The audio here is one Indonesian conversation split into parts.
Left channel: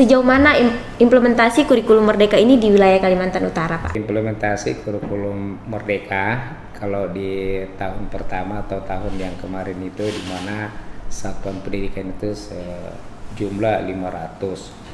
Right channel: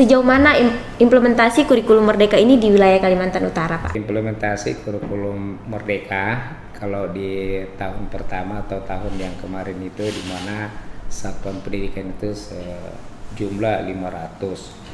Sejauh mana implementasi kurikulum Merdeka ini di wilayah Kalimantan Utara, Pak? Implementasi kurikulum Merdeka kalau di tahun pertama atau tahun yang kemarin itu di mana satuan pendidikan itu sejumlah 500.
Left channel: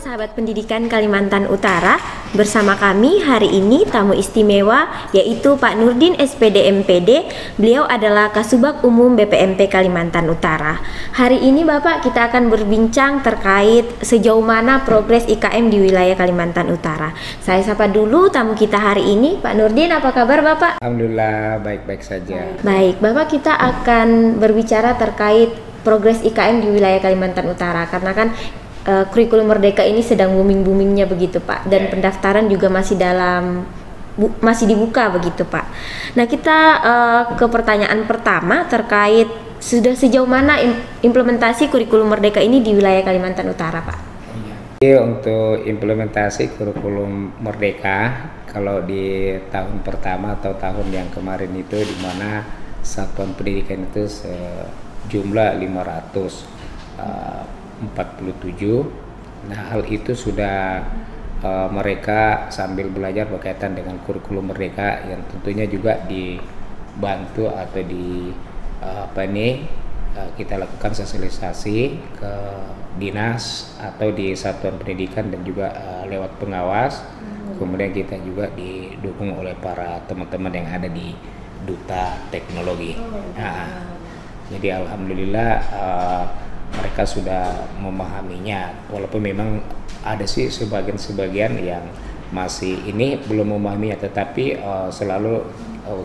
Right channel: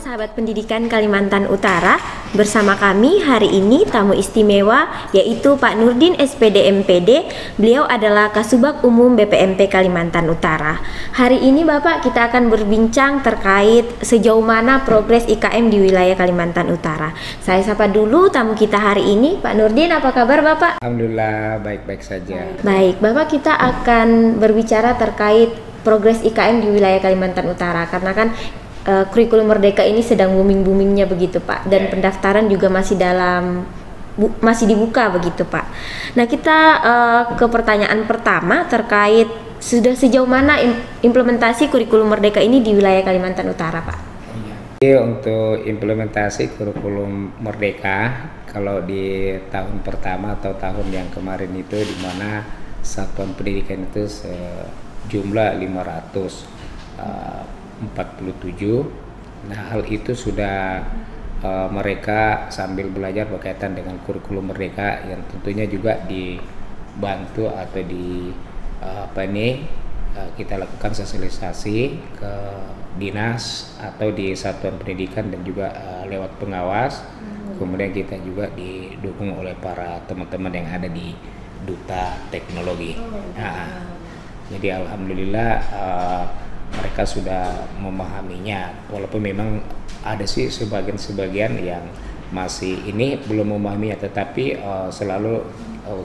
Sahabat Pendidikan Kalimantan Utara, bersama kami hari ini tamu istimewa yaitu Pak Nurdin SPD MPD. Beliau adalah Kasubag Umum BPMP Kalimantan Utara. Hari ini Bapak, kita akan berbincang terkait sejauh mana progres IKM di wilayah Kalimantan Utara. Saya sapa dulu tamu kita hari ini, Pak Nurdin. Apa kabar Bapak? Alhamdulillah baik-baik saja. Baik Bapak, kita akan berbicara terkait progres IKM di wilayah Kalimantan Utara karena kan kurikulum Merdeka ini sedang booming-boomingnya begitu Pak, dan pendaftaran juga masih dibuka begitu Pak. Nah kita ke pertanyaan pertama terkait sudah sejauh mana implementasi kurikulum Merdeka ini di wilayah Kalimantan Utara Pak? Jadi untuk implementasi kurikulum Merdeka kalau di tahun pertama atau tahun yang kemarin itu di mana satuan pendidikan itu sejumlah 547. Nah hal itu sudah mereka sambil belajar berkaitan dengan kurikulum Merdeka yang tentunya juga dibantu atau kita lakukan sosialisasi ke dinas atau di satuan pendidikan dan juga lewat pengawas. Kemudian kita juga didukung oleh para teman-teman yang ada di Duta Teknologi. Jadi alhamdulillah mereka sudah memahaminya, walaupun memang ada sih sebagian yang masih ini belum memahaminya, tetapi selalu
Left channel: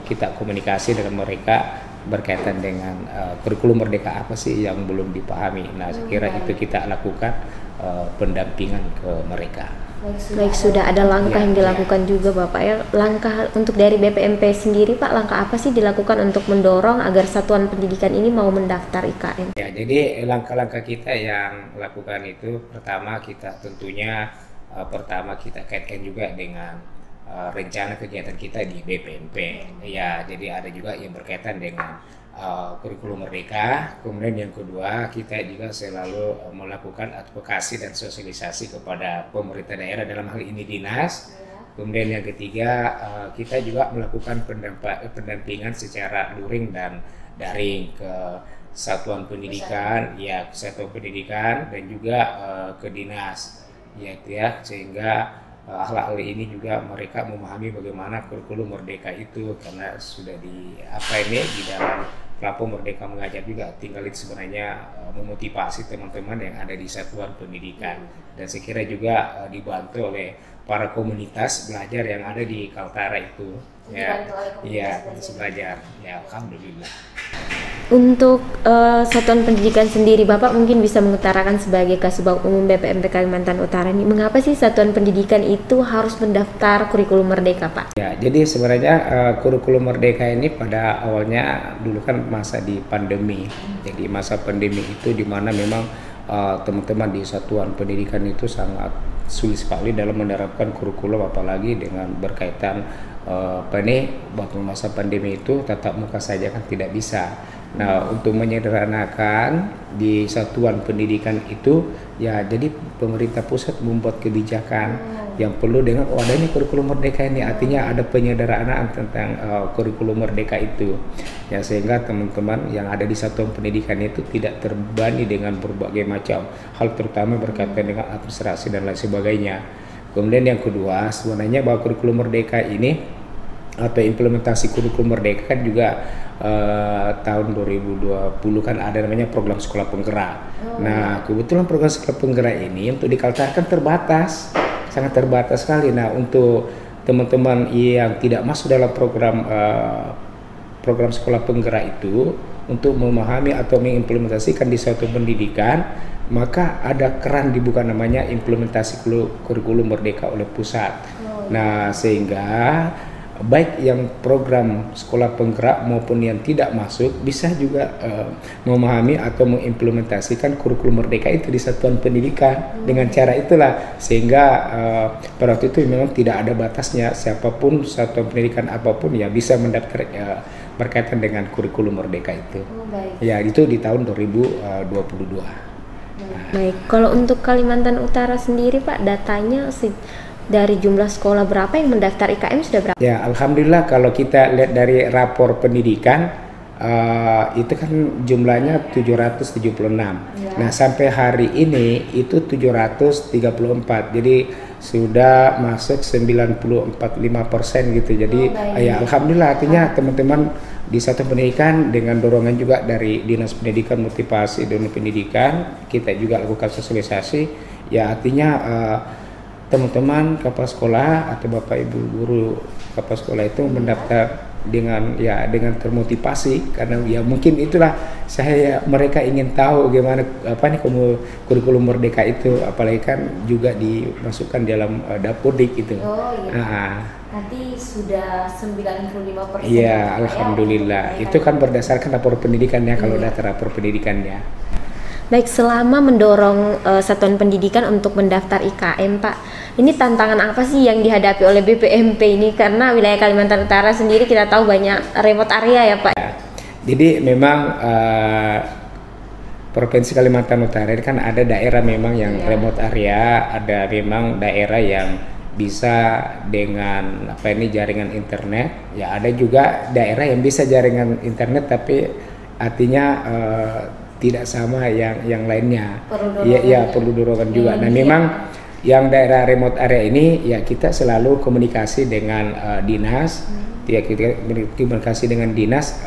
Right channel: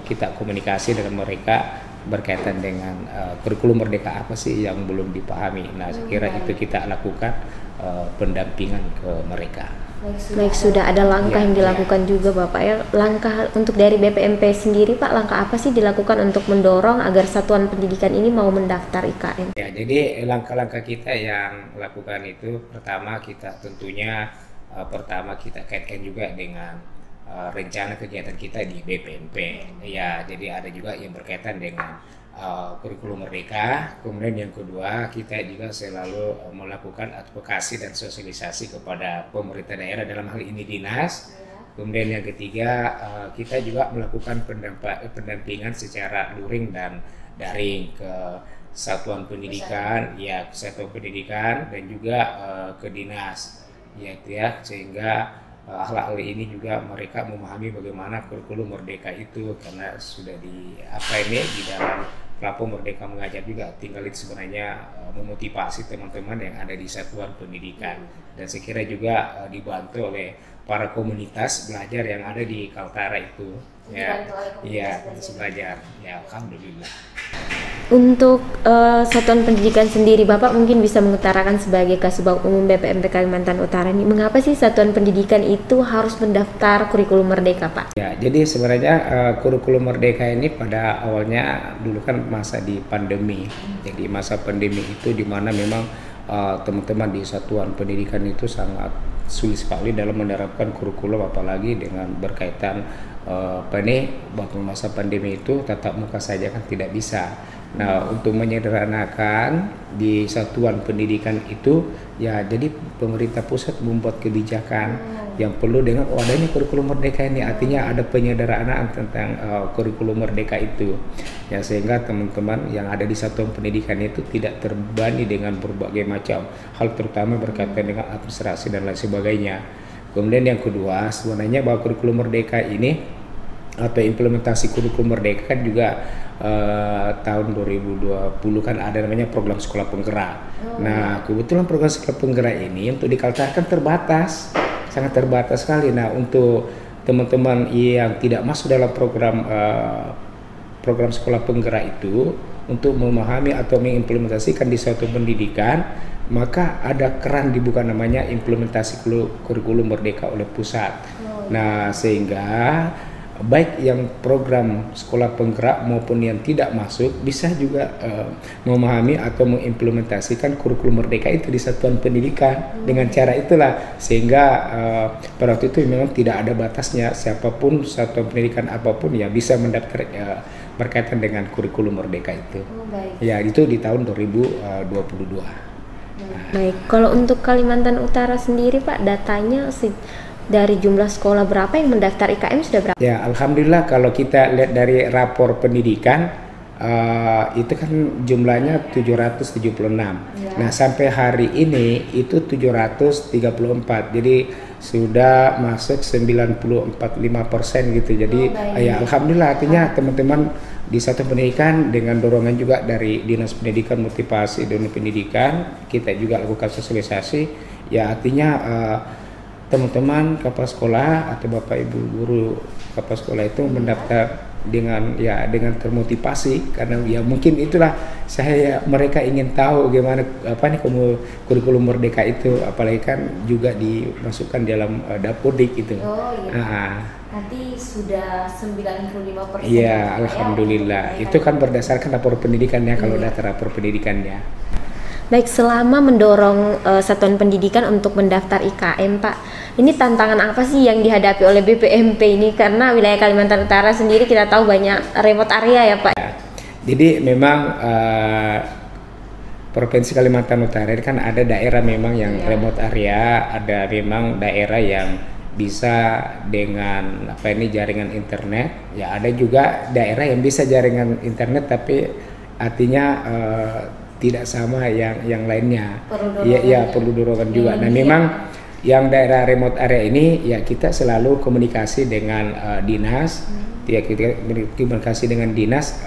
kita komunikasi dengan mereka berkaitan dengan kurikulum Merdeka apa sih yang belum dipahami. Nah, saya kira itu kita lakukan pendampingan ke mereka. Baik, sudah ada langkah yang dilakukan juga Bapak ya. Langkah untuk dari BPMP sendiri Pak, langkah apa sih dilakukan untuk mendorong agar satuan pendidikan ini mau mendaftar IKM? Ya, jadi langkah-langkah kita yang lakukan itu pertama kita tentunya kita kaitkan juga dengan rencana kegiatan kita di BPMP. Ya, jadi ada juga yang berkaitan dengan kurikulum Merdeka. Kemudian yang kedua, kita juga selalu melakukan advokasi dan sosialisasi kepada pemerintah daerah, dalam hal ini dinas. Kemudian yang ketiga, kita juga melakukan pendampingan secara luring dan daring ke satuan pendidikan, dan juga ke dinas, sehingga hal-hal ini juga mereka memahami bagaimana kurikulum Merdeka itu, karena sudah di dalam platform Merdeka Mengajar juga. Tinggal itu sebenarnya memotivasi teman-teman yang ada di satuan pendidikan, dan saya kira juga dibantu oleh para komunitas belajar yang ada di Kaltara itu. Belajar. Ya, alhamdulillah. Untuk satuan pendidikan sendiri, Bapak mungkin bisa mengutarakan sebagai Kasubag Umum BPMP Kalimantan Utara ini, mengapa sih satuan pendidikan itu harus mendaftar kurikulum Merdeka, Pak? Ya, jadi sebenarnya kurikulum Merdeka ini pada awalnya dulu kan masa di pandemi. Jadi masa pandemi itu di mana memang teman-teman di satuan pendidikan itu sangat sulit sekali dalam menerapkan kurikulum, apalagi dengan berkaitan waktu masa pandemi itu tatap muka saja kan tidak bisa. Nah, untuk menyederhanakan di satuan pendidikan itu, ya jadi pemerintah pusat membuat kebijakan yang perlu dengan adanya kurikulum Merdeka ini, artinya ada penyederhanaan tentang kurikulum Merdeka itu, ya sehingga teman-teman yang ada di satuan pendidikan itu tidak terbebani dengan berbagai macam hal, terutama berkaitan dengan administrasi dan lain sebagainya. Kemudian yang kedua, sebenarnya bahwa kurikulum Merdeka ini atau implementasi kurikulum Merdeka kan juga tahun 2020 kan ada namanya program sekolah penggerak. Nah, kebetulan program sekolah penggerak ini untuk di Kaltara kan terbatas, sangat terbatas sekali. Nah, untuk teman-teman yang tidak masuk dalam program sekolah penggerak itu, untuk memahami atau mengimplementasikan di suatu pendidikan, maka ada keran dibuka namanya implementasi kurikulum merdeka oleh pusat. Nah, sehingga baik yang program sekolah penggerak maupun yang tidak masuk bisa juga memahami atau mengimplementasikan kurikulum merdeka itu di satuan pendidikan. Dengan cara itulah sehingga pada waktu itu memang tidak ada batasnya, siapapun satuan pendidikan apapun ya bisa mendaftar berkaitan dengan kurikulum merdeka itu. Ya, itu di tahun 2022. Baik, kalau untuk Kalimantan Utara sendiri Pak, datanya dari jumlah sekolah berapa yang mendaftar IKM sudah berapa? Ya, alhamdulillah kalau kita lihat dari rapor pendidikan itu kan jumlahnya 776. Nah, sampai hari ini itu 734. Jadi sudah masuk 94,5% gitu. Jadi ya alhamdulillah, artinya teman-teman di satu pendidikan dengan dorongan juga dari Dinas Pendidikan, motivasi dan pendidikan, kita juga lakukan sosialisasi. Ya artinya teman-teman kepala sekolah atau bapak ibu guru kepala sekolah itu mendaftar dengan termotivasi, karena ya mungkin itulah mereka ingin tahu bagaimana kurikulum merdeka itu, apalagi kan juga dimasukkan dalam Dapodik itu. Nanti sudah 95%. Iya, alhamdulillah. Itu kan berdasarkan rapor pendidikannya, kalau data rapor pendidikannya. Baik, selama mendorong satuan pendidikan untuk mendaftar IKM, Pak, ini tantangan apa sih yang dihadapi oleh BPMP ini? Karena wilayah Kalimantan Utara sendiri kita tahu banyak remote area ya, Pak. Jadi memang Provinsi Kalimantan Utara ini kan ada daerah memang yang remote area, ada memang daerah yang bisa dengan jaringan internet. Ya ada juga daerah yang bisa jaringan internet tapi artinya tidak sama yang lainnya. Perlu dorongan juga. Nah memang yang daerah remote area ini ya kita selalu komunikasi dengan dinas, ya kita komunikasi dengan dinas.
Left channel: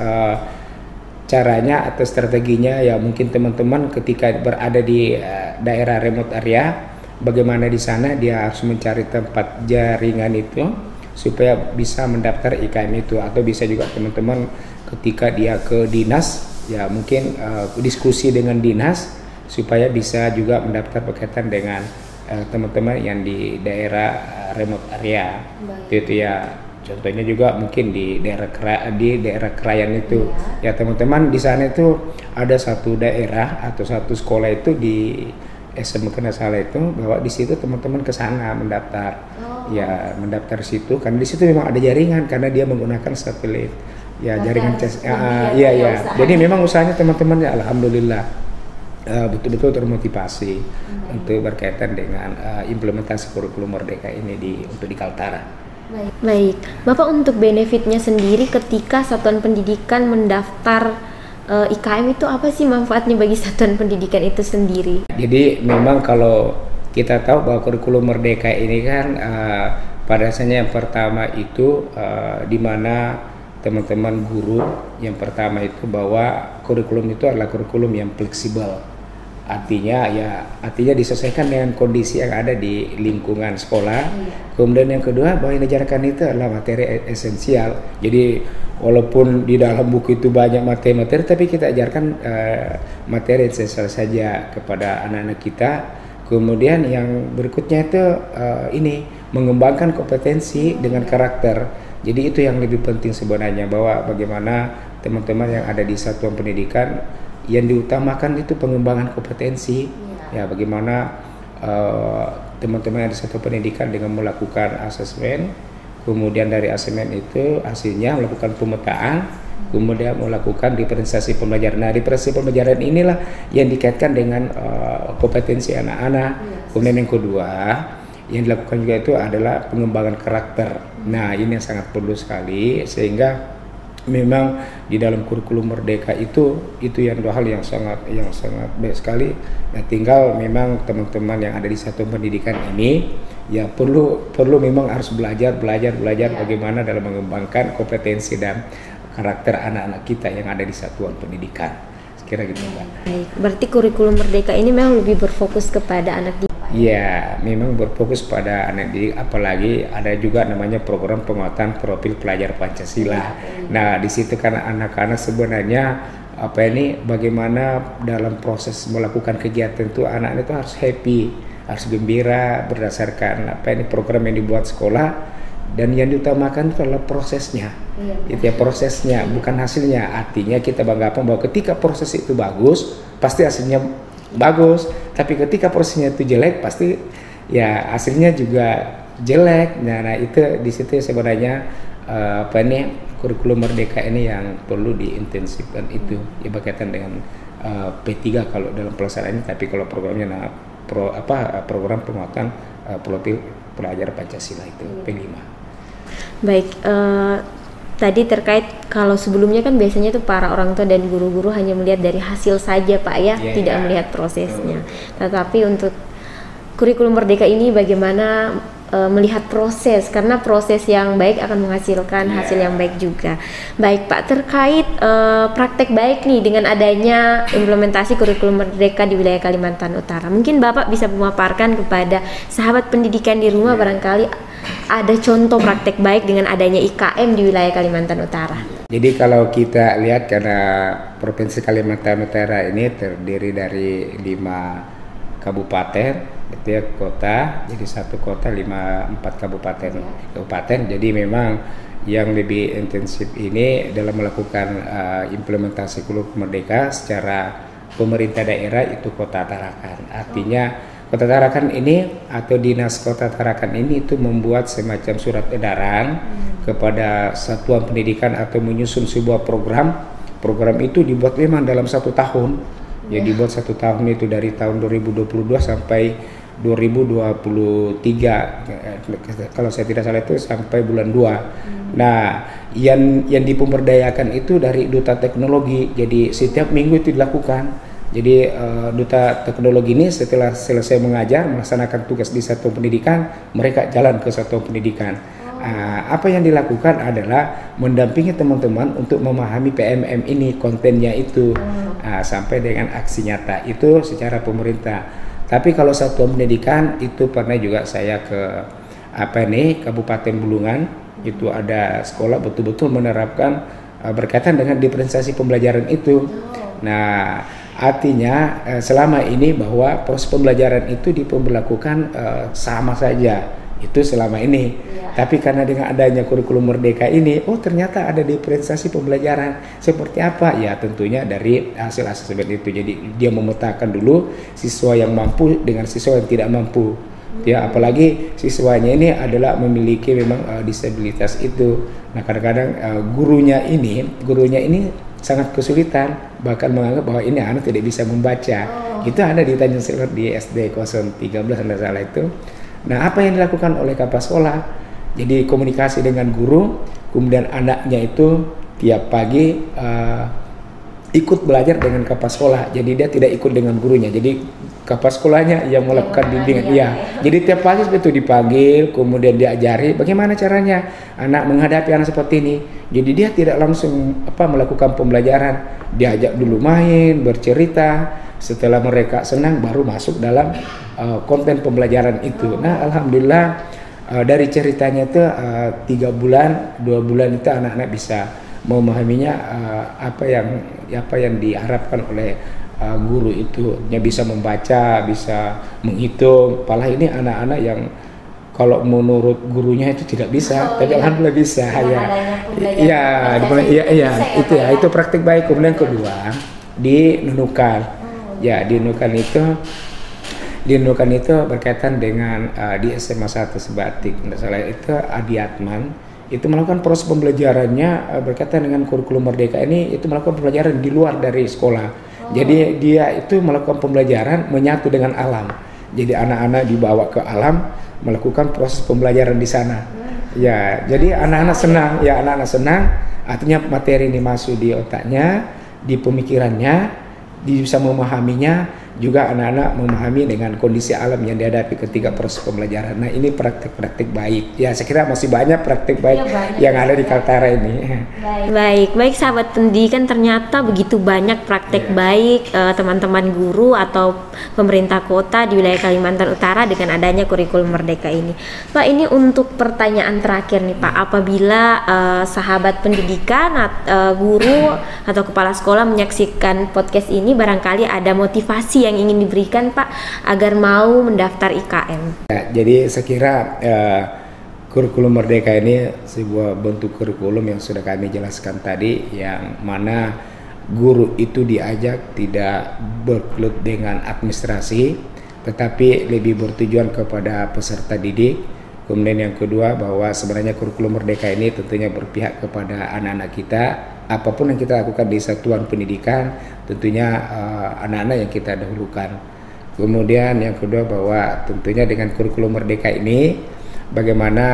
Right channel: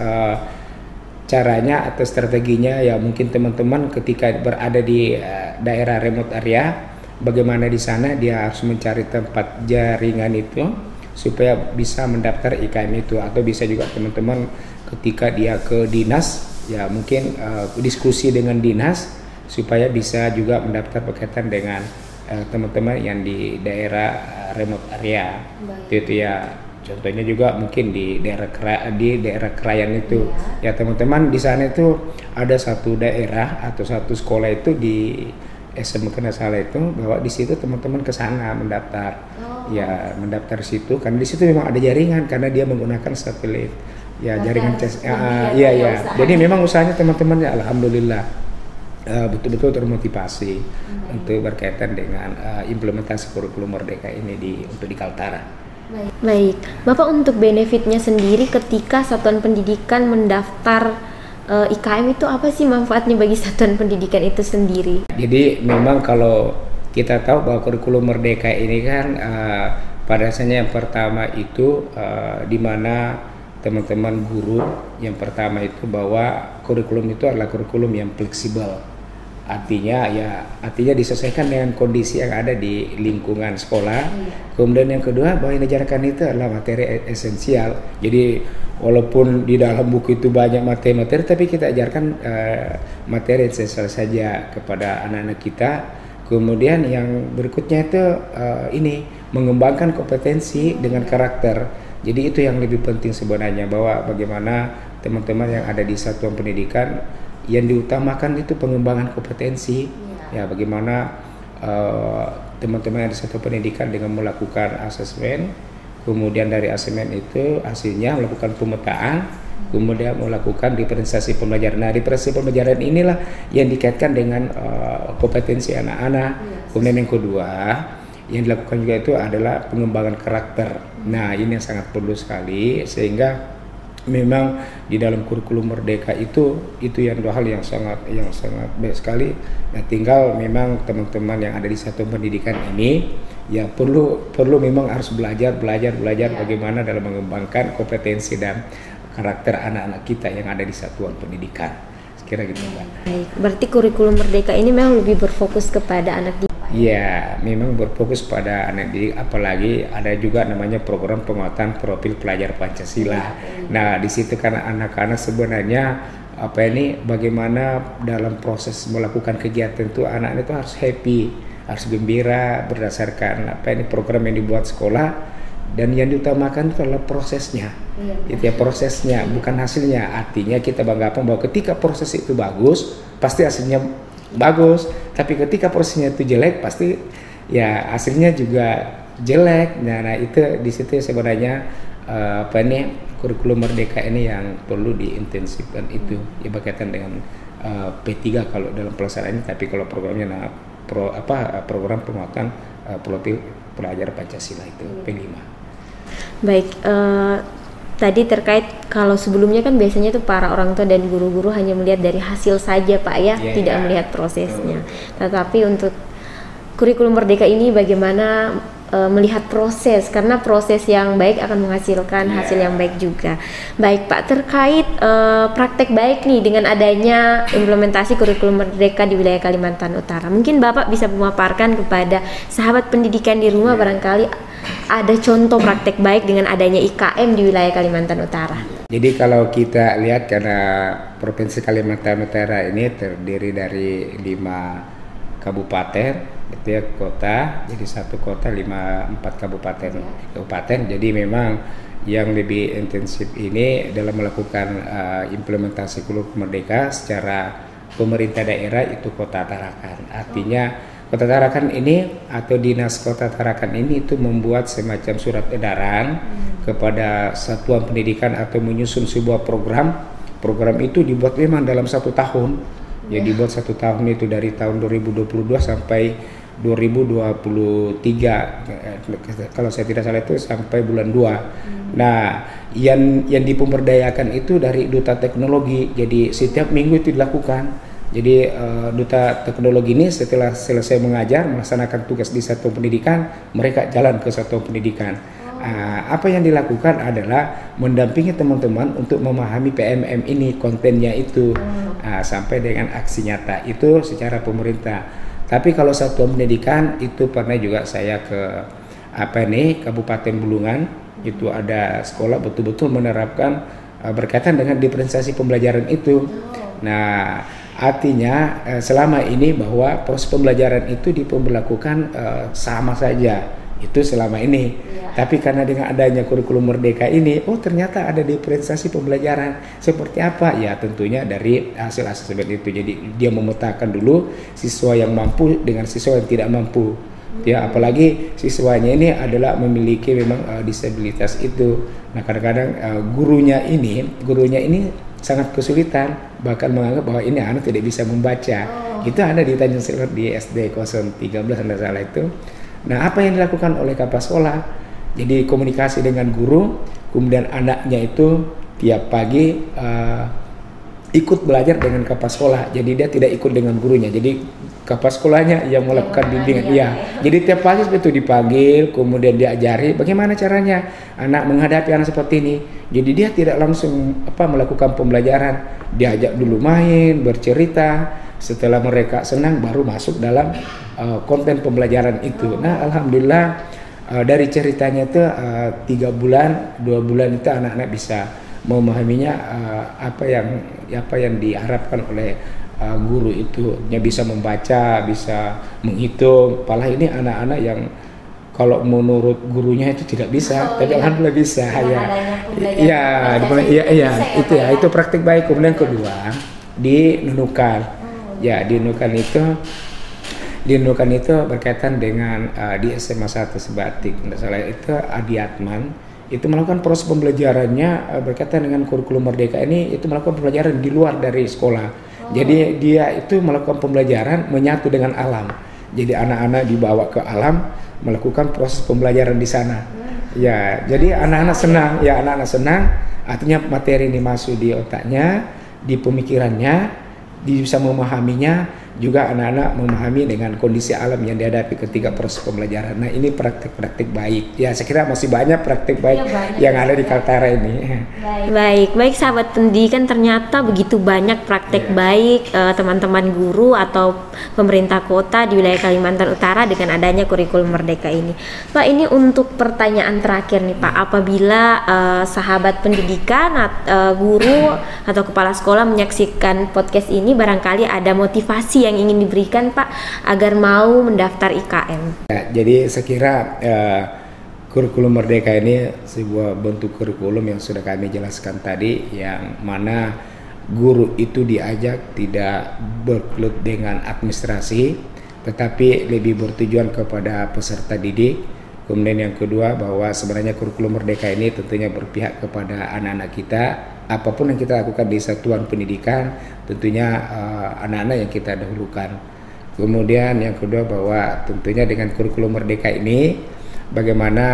Caranya atau strateginya ya mungkin teman-teman ketika berada di daerah remote area, bagaimana di sana dia harus mencari tempat jaringan itu supaya bisa mendaftar IKM itu, atau bisa juga teman-teman ketika dia ke dinas ya mungkin diskusi dengan dinas supaya bisa juga mendaftar berkaitan dengan teman-teman yang di daerah remote area. Itu ya contohnya juga mungkin di daerah Krayan itu ya teman-teman, di sana itu ada satu daerah atau satu sekolah itu di SMK Nasala itu, bahwa di situ teman-teman ke sana mendaftar. Ya mendaftar situ karena di situ memang ada jaringan karena dia menggunakan satelit. Ya jaringan Jadi memang usahanya teman-teman ya alhamdulillah betul-betul termotivasi untuk berkaitan dengan implementasi kurikulum merdeka ini untuk di Kaltara. Baik, Bapak, untuk benefitnya sendiri ketika satuan pendidikan mendaftar IKM itu apa sih manfaatnya bagi satuan pendidikan itu sendiri? Jadi memang kalau kita tahu bahwa kurikulum merdeka ini kan pada dasarnya yang pertama itu di mana teman-teman guru yang pertama itu bahwa kurikulum itu adalah kurikulum yang fleksibel. Artinya disesuaikan dengan kondisi yang ada di lingkungan sekolah. Kemudian yang kedua bahwa yang diajarkan itu adalah materi esensial. Jadi walaupun di dalam buku itu banyak materi-materi, tapi kita ajarkan materi esensial saja kepada anak-anak kita. Kemudian yang berikutnya itu mengembangkan kompetensi dengan karakter. Jadi itu yang lebih penting sebenarnya, bahwa bagaimana teman-teman yang ada di satuan pendidikan yang diutamakan itu pengembangan kompetensi. Ya bagaimana teman-teman yang di satu pendidikan dengan melakukan asesmen, kemudian dari asesmen itu hasilnya melakukan pemetaan, kemudian melakukan diferensiasi pembelajaran. Nah diferensiasi pembelajaran inilah yang dikaitkan dengan kompetensi anak-anak. Kemudian yang kedua yang dilakukan juga itu adalah pengembangan karakter. Nah ini yang sangat perlu sekali, sehingga memang di dalam kurikulum merdeka itu yang dua hal yang sangat baik sekali. Nah, tinggal memang teman-teman yang ada di satu pendidikan ini ya perlu memang harus belajar bagaimana dalam mengembangkan kompetensi dan karakter anak-anak kita yang ada di satuan pendidikan. Sekira gitu, Pak. Baik, berarti kurikulum merdeka ini memang lebih berfokus kepada anak didik. Ya, memang berfokus pada anak didik, apalagi ada juga namanya program penguatan profil pelajar Pancasila. Nah, di situ kan anak-anak sebenarnya bagaimana dalam proses melakukan kegiatan itu anak-anak itu harus happy, harus gembira berdasarkan program yang dibuat sekolah, dan yang diutamakan itu adalah prosesnya. Itu ya, prosesnya bukan hasilnya. Artinya kita banggakan bahwa ketika proses itu bagus pasti hasilnya bagus, tapi ketika prosesnya itu jelek pasti ya hasilnya juga jelek. Nah itu di situ sebenarnya kurikulum Merdeka ini yang perlu diintensifkan, itu ya berkaitan dengan P3 kalau dalam pelaksanaan ini, tapi kalau programnya program penguatan profil pelajar Pancasila itu P5. Baik, tadi terkait kalau sebelumnya kan biasanya tuh para orang tua dan guru-guru hanya melihat dari hasil saja Pak ya, tidak melihat prosesnya. Tetapi untuk kurikulum Merdeka ini bagaimana melihat proses, karena proses yang baik akan menghasilkan hasil yang baik juga. Baik Pak, terkait praktek baik nih dengan adanya implementasi kurikulum Merdeka di wilayah Kalimantan Utara, mungkin Bapak bisa memaparkan kepada sahabat pendidikan di rumah barangkali ada contoh praktek baik dengan adanya IKM di wilayah Kalimantan Utara. Jadi kalau kita lihat, karena Provinsi Kalimantan Utara ini terdiri dari 5 kabupaten, itu ya, kota, jadi 1 kota 4 kabupaten. Jadi memang yang lebih intensif ini dalam melakukan implementasi kurikulum Merdeka secara pemerintah daerah itu Kota Tarakan. Artinya Kota Tarakan ini atau Dinas Kota Tarakan ini itu membuat semacam surat edaran kepada satuan pendidikan atau menyusun sebuah program. Program itu dibuat memang dalam 1 tahun. Ya, dibuat 1 tahun itu dari tahun 2022 sampai 2023, kalau saya tidak salah itu sampai bulan 2. Nah, yang dipemberdayakan itu dari Duta Teknologi. Jadi setiap minggu itu dilakukan. Jadi Duta Teknologi ini setelah selesai mengajar, melaksanakan tugas di satuan pendidikan, mereka jalan ke satuan pendidikan. Apa yang dilakukan adalah mendampingi teman-teman untuk memahami PMM ini, kontennya itu, sampai dengan aksi nyata itu secara pemerintah. Tapi kalau satuan pendidikan itu pernah juga saya ke Kabupaten Bulungan, itu ada sekolah betul-betul menerapkan berkaitan dengan diferensiasi pembelajaran itu. Nah, artinya selama ini bahwa proses pembelajaran itu diperlakukan sama saja. Itu selama ini. Tapi karena dengan adanya kurikulum Merdeka ini, ternyata ada diferensiasi pembelajaran. Seperti apa? Ya tentunya dari hasil asesmen itu. Jadi dia memetakan dulu siswa yang mampu dengan siswa yang tidak mampu. Ya, apalagi siswanya ini adalah memiliki memang disabilitas itu. Nah, kadang-kadang gurunya ini sangat kesulitan, bahkan menganggap bahwa ini anak tidak bisa membaca. Itu ada di Tanjung Selor di SD 013 anda salah itu. Nah, apa yang dilakukan oleh kepala sekolah? Jadi komunikasi dengan guru, kemudian anaknya itu tiap pagi ikut belajar dengan kepala sekolah. Jadi dia tidak ikut dengan gurunya. Jadi kepala sekolahnya yang melakukan bimbingan. Iya. Jadi tiap pagi itu dipanggil, kemudian diajari bagaimana caranya anak menghadapi anak seperti ini. Jadi dia tidak langsung melakukan pembelajaran. Diajak dulu main, bercerita. Setelah mereka senang baru masuk dalam konten pembelajaran itu. Nah, alhamdulillah dari ceritanya itu 2 bulan itu anak-anak bisa memahaminya apa yang diharapkan oleh guru itu. Dia bisa membaca, bisa menghitung. Padahal ini anak-anak yang kalau menurut gurunya itu tidak bisa, tapi alhamdulillah bisa. Itu praktik baik. Kemudian kedua di Nunukan. Ya, di Nunukan itu berkaitan dengan di SMA 1 Sebatik, tidak salah itu Adiatman itu melakukan proses pembelajarannya berkaitan dengan kurikulum Merdeka ini, itu melakukan pembelajaran di luar dari sekolah. Jadi dia itu melakukan pembelajaran menyatu dengan alam. Jadi anak-anak dibawa ke alam melakukan proses pembelajaran di sana. Ya, jadi anak-anak senang, artinya materi ini masuk di otaknya, di pemikirannya, dia bisa memahaminya, juga anak-anak memahami dengan kondisi alam yang dihadapi ketika proses pembelajaran. Nah, ini praktik-praktik baik. Ya, saya kira masih banyak praktik baik yang ada di Kaltara ini. Baik sahabat pendidikan, ternyata begitu banyak praktek baik teman-teman guru atau pemerintah kota di wilayah Kalimantan Utara dengan adanya kurikulum Merdeka ini. Pak, ini untuk pertanyaan terakhir nih Pak, apabila sahabat pendidikan, guru atau kepala sekolah menyaksikan podcast ini, barangkali ada motivasi yang ingin diberikan Pak agar mau mendaftar IKM. Ya, jadi saya kira kurikulum Merdeka ini sebuah bentuk kurikulum yang sudah kami jelaskan tadi, yang mana guru itu diajak tidak bergelut dengan administrasi, tetapi lebih bertujuan kepada peserta didik. Kemudian yang kedua, bahwa sebenarnya kurikulum Merdeka ini tentunya berpihak kepada anak-anak kita. Apapun yang kita lakukan di satuan pendidikan, tentunya anak-anak yang kita dahulukan. Kemudian yang kedua, bahwa tentunya dengan kurikulum Merdeka ini, bagaimana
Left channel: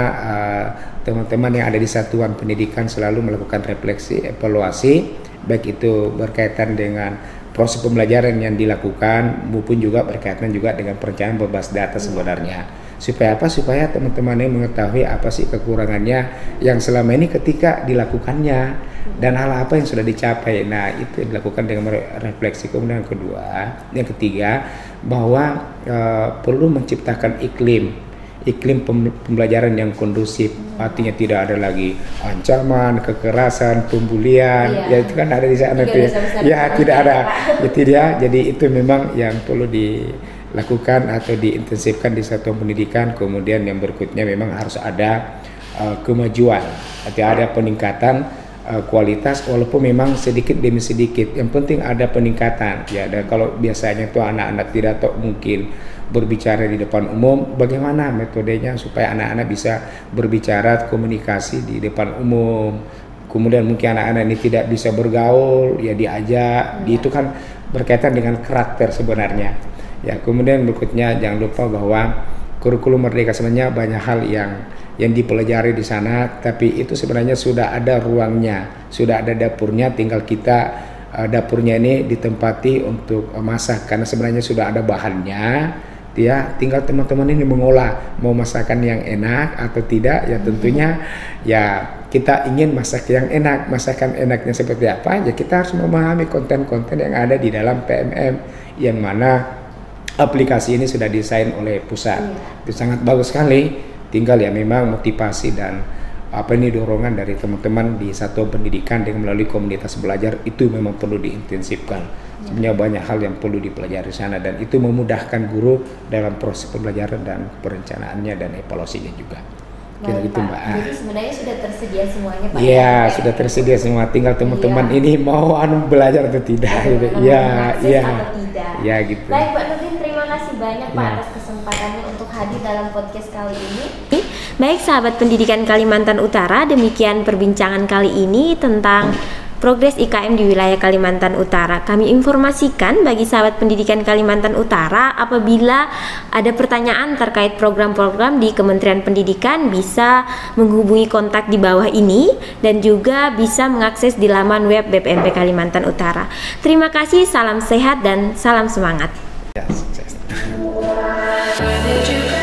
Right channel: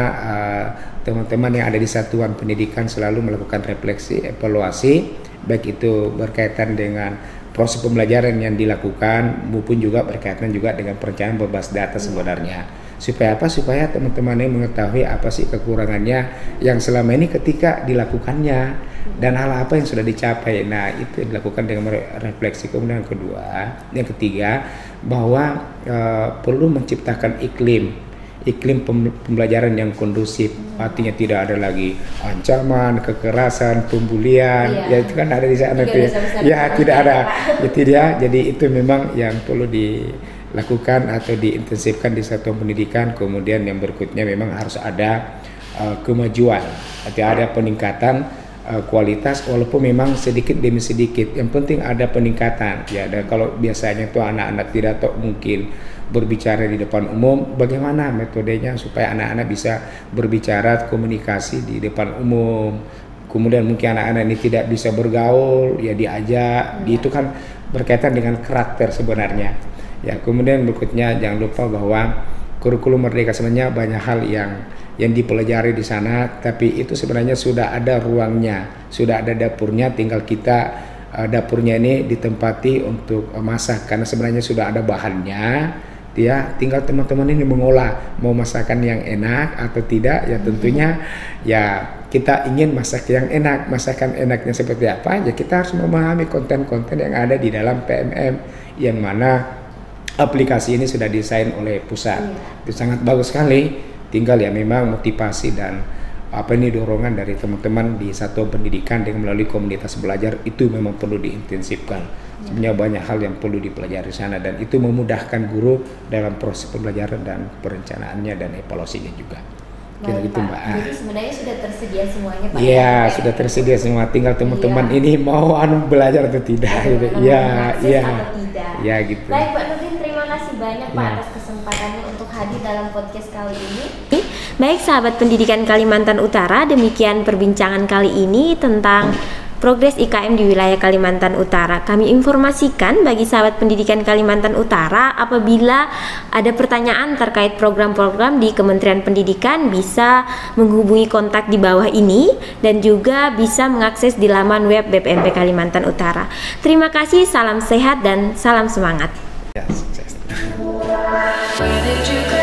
teman-teman yang ada di satuan pendidikan selalu melakukan refleksi, evaluasi, baik itu berkaitan dengan proses pembelajaran yang dilakukan maupun juga berkaitan juga dengan perencanaan berbasis data sebenarnya. Supaya apa? Supaya teman-teman ini mengetahui apa sih kekurangannya yang selama ini ketika dilakukannya, dan hal apa yang sudah dicapai. Nah, itu dilakukan dengan refleksi. Kemudian yang ketiga, bahwa perlu menciptakan iklim pembelajaran yang kondusif. Artinya tidak ada lagi ancaman, kekerasan, pembulian. Ya itu kan ada di sana tuh. Ya tidak ada. Ya tidak. Jadi itu memang yang perlu dilakukan atau diintensifkan di satuan pendidikan. Kemudian yang berikutnya memang harus ada kemajuan, atau ada peningkatan kualitas, walaupun memang sedikit demi sedikit. Yang penting ada peningkatan. Ya, dan kalau biasanya tuh anak-anak tidak tahu mungkin berbicara di depan umum, bagaimana metodenya supaya anak-anak bisa berbicara, komunikasi di depan umum. Kemudian mungkin anak-anak ini tidak bisa bergaul, ya diajak. Itu kan berkaitan dengan karakter sebenarnya. Ya, kemudian berikutnya jangan lupa bahwa kurikulum Merdeka sebenarnya banyak hal yang dipelajari di sana, tapi itu sebenarnya sudah ada ruangnya, sudah ada dapurnya, tinggal kita dapurnya ini ditempati untuk masak, karena sebenarnya sudah ada bahannya. Ya, tinggal teman-teman ini mengolah mau masakan yang enak atau tidak. Ya tentunya ya kita ingin masak yang enak. Masakan enaknya seperti apa? Ya kita harus memahami konten-konten yang ada di dalam PMM, yang mana aplikasi ini sudah desain oleh pusat. Itu sangat bagus sekali. Tinggal ya memang motivasi dan dorongan dari teman-teman di satuan pendidikan dengan melalui komunitas belajar itu memang perlu diintensifkan. Sebenarnya banyak hal yang perlu dipelajari di sana, dan itu memudahkan guru dalam proses pembelajaran dan perencanaannya dan evaluasinya juga. Kira gitu Mbak. Jadi sebenarnya sudah tersedia semuanya Pak. Iya, sudah tersedia semua. Tinggal teman-teman ini mau belajar atau tidak. Iya. Ya gitu. Baik Pak Nurdin, terima kasih banyak Pak atas kesempatannya untuk hadir dalam podcast kali ini. Baik sahabat pendidikan Kalimantan Utara, demikian perbincangan kali ini tentang progres IKM di wilayah Kalimantan Utara. Kami informasikan bagi sahabat pendidikan Kalimantan Utara, apabila ada pertanyaan terkait program-program di Kementerian Pendidikan, bisa menghubungi kontak di bawah ini dan juga bisa mengakses di laman web BPMP Kalimantan Utara. Terima kasih, salam sehat dan salam semangat. Ya, sukses.